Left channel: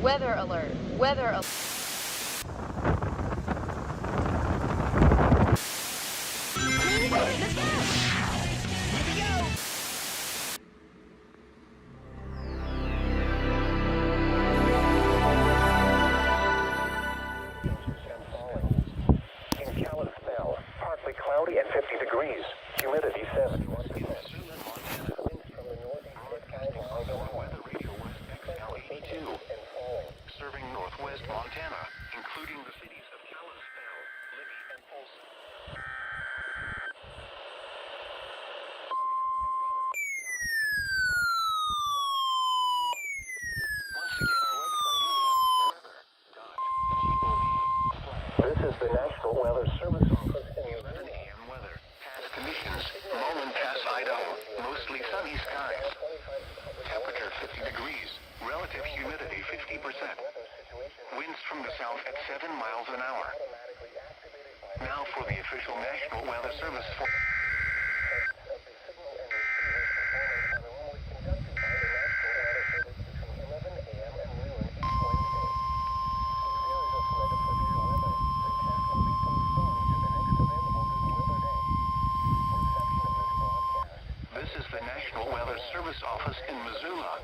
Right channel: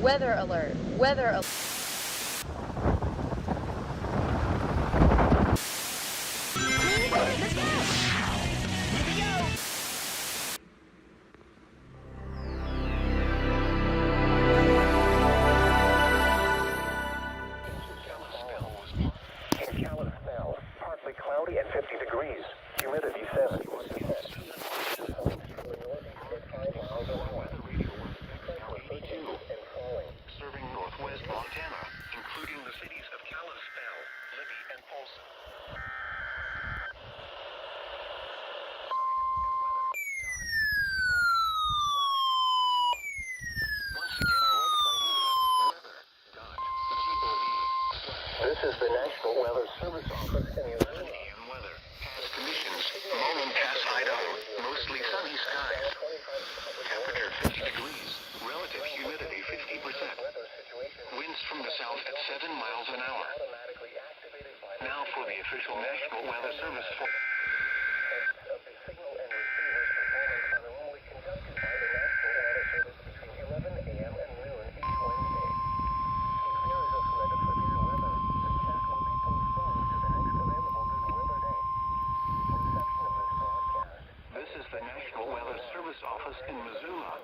Weather alert. Weather alert. Let's go! Here we go! Partly cloudy and 50 degrees. Humidity 70. Serving northwest Montana, including the cities of Kalispell, Libby, and Folsom. This is the National Weather Service Office in AM weather. Past conditions, Moline Pass, Idaho, mostly sunny skies. Temperature 50 degrees, relative humidity 50%. Winds from the south at 7 miles an hour. Now for the official National Weather Service for... This is the National Weather Service Office in Missoula.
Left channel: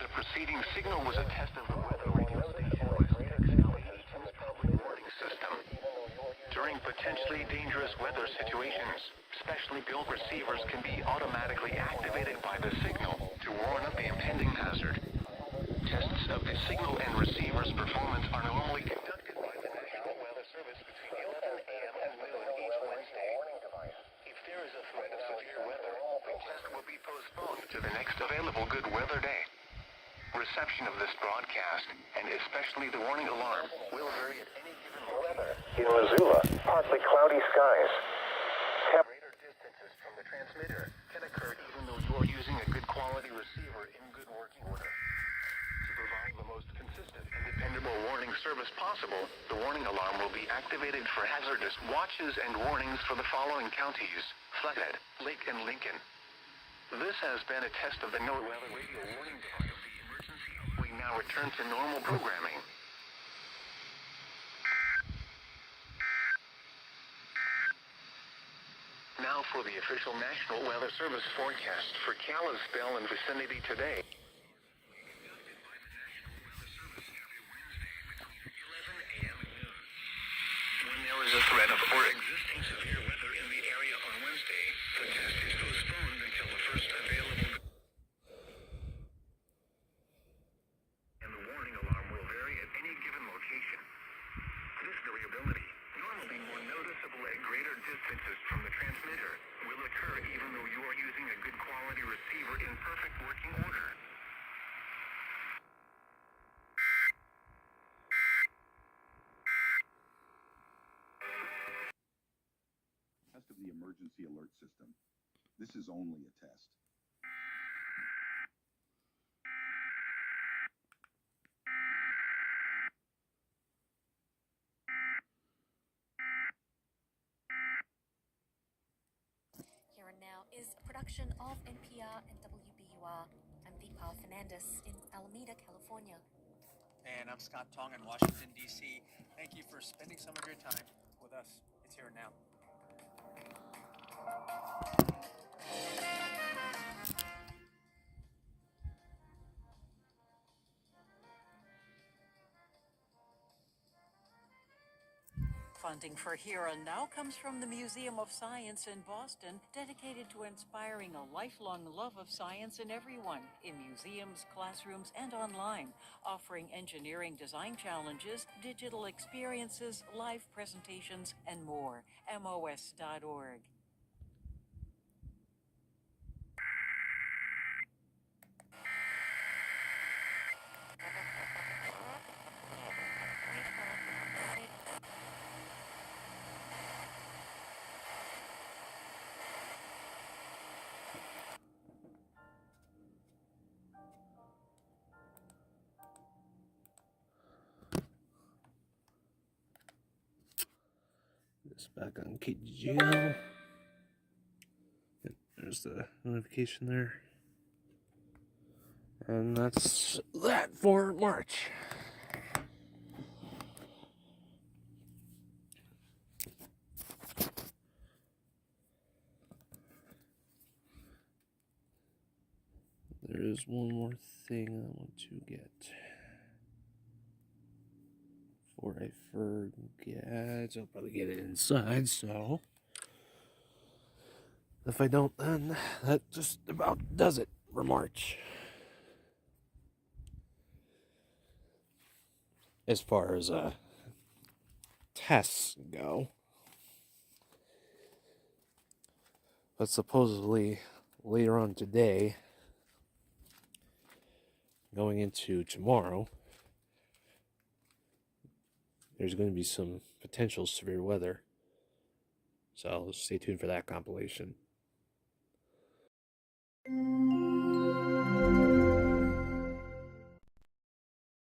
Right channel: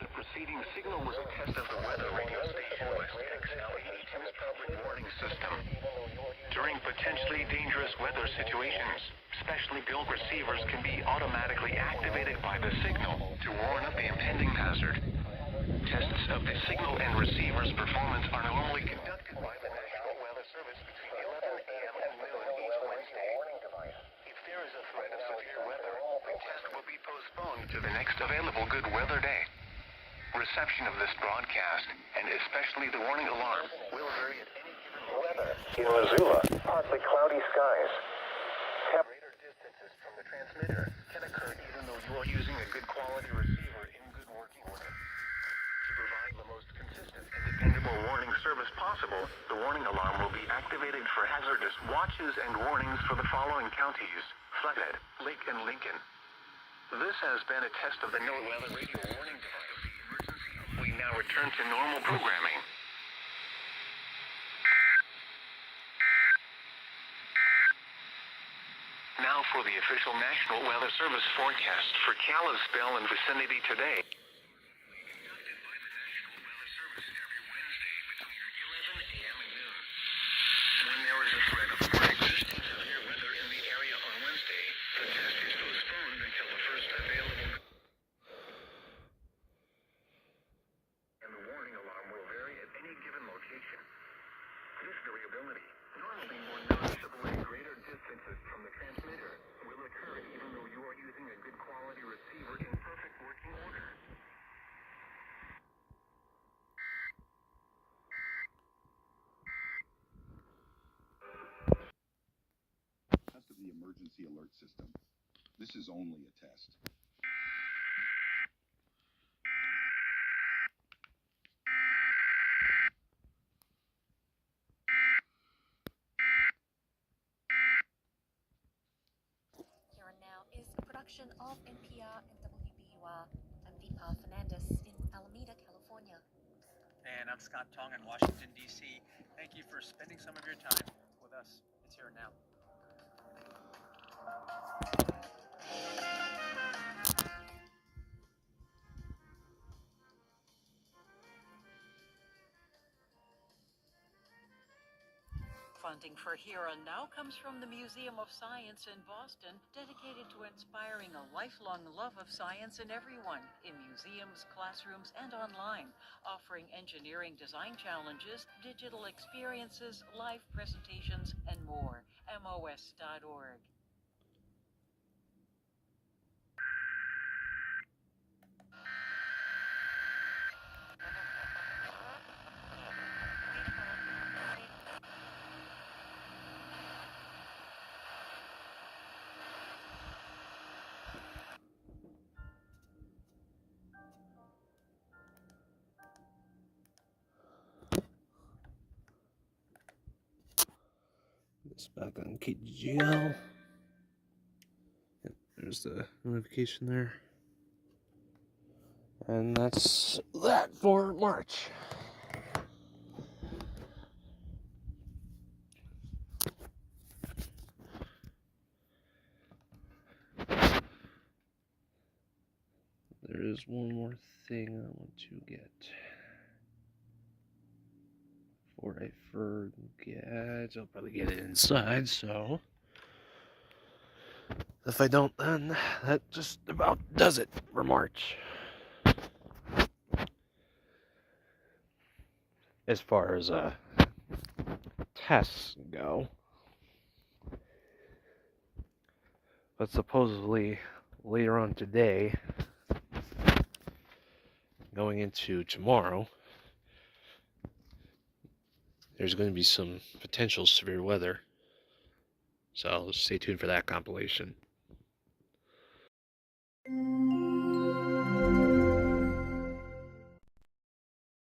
The preceding signal was a test of the weather radio station WXL82's public warning system. During potentially dangerous weather situations, specially built receivers can be automatically activated by the signal to warn of the impending hazard. Tests of the signal and receiver's performance are normally conducted by the National Weather Service between 11 a.m. and noon each Wednesday. If there is a threat of severe weather, the test will be postponed to the next available good weather day. Reception of this broadcast, and especially the warning alarm, will vary at any given weather. In Missoula, partly cloudy skies. Greater distances from the transmitter can occur even though you are using a good quality receiver in good working order. To provide the most consistent and dependable warning service possible, the warning alarm will be activated for hazardous watches and warnings for the following counties: Flathead, Lake, and Lincoln. This has been a test of the new weather radio warning test of the emergency. We now return to normal programming. Now for the official National Weather Service forecast for Kalispell and vicinity today. Conducted by the National Weather Service every Wednesday between 11 a.m. and noon. When there is a threat of or existing severe weather in the area on Wednesday, the test is postponed until the first available. And the warning alarm will vary at any given location. This variability, normally more noticeable at greater distances from the transmitter, will occur even though you are using a good quality receiver in perfect working order. Test of the emergency alert system. This is only a test. Here and Now is a production of NPR and WBUR. I'm Deepa Fernandez in Alameda, California. And I'm Scott Tong in Washington, D.C. Thank you for spending some of your time with us. It's Here and Now. Funding for Here and Now comes from the Museum of Science in Boston, dedicated to inspiring a lifelong love of science in everyone, in museums, classrooms, and online, offering engineering design challenges, digital experiences, live presentations, and more. MOS.org. This back on KGL. Yep, there's the notification there. And that's that for March. There is one more thing I want to get. Before I forget, I'll probably get it inside, so if I don't, then that just about does it for March. As far as tests go. But supposedly later on today, going into tomorrow, there's going to be some potential severe weather. So stay tuned for that compilation.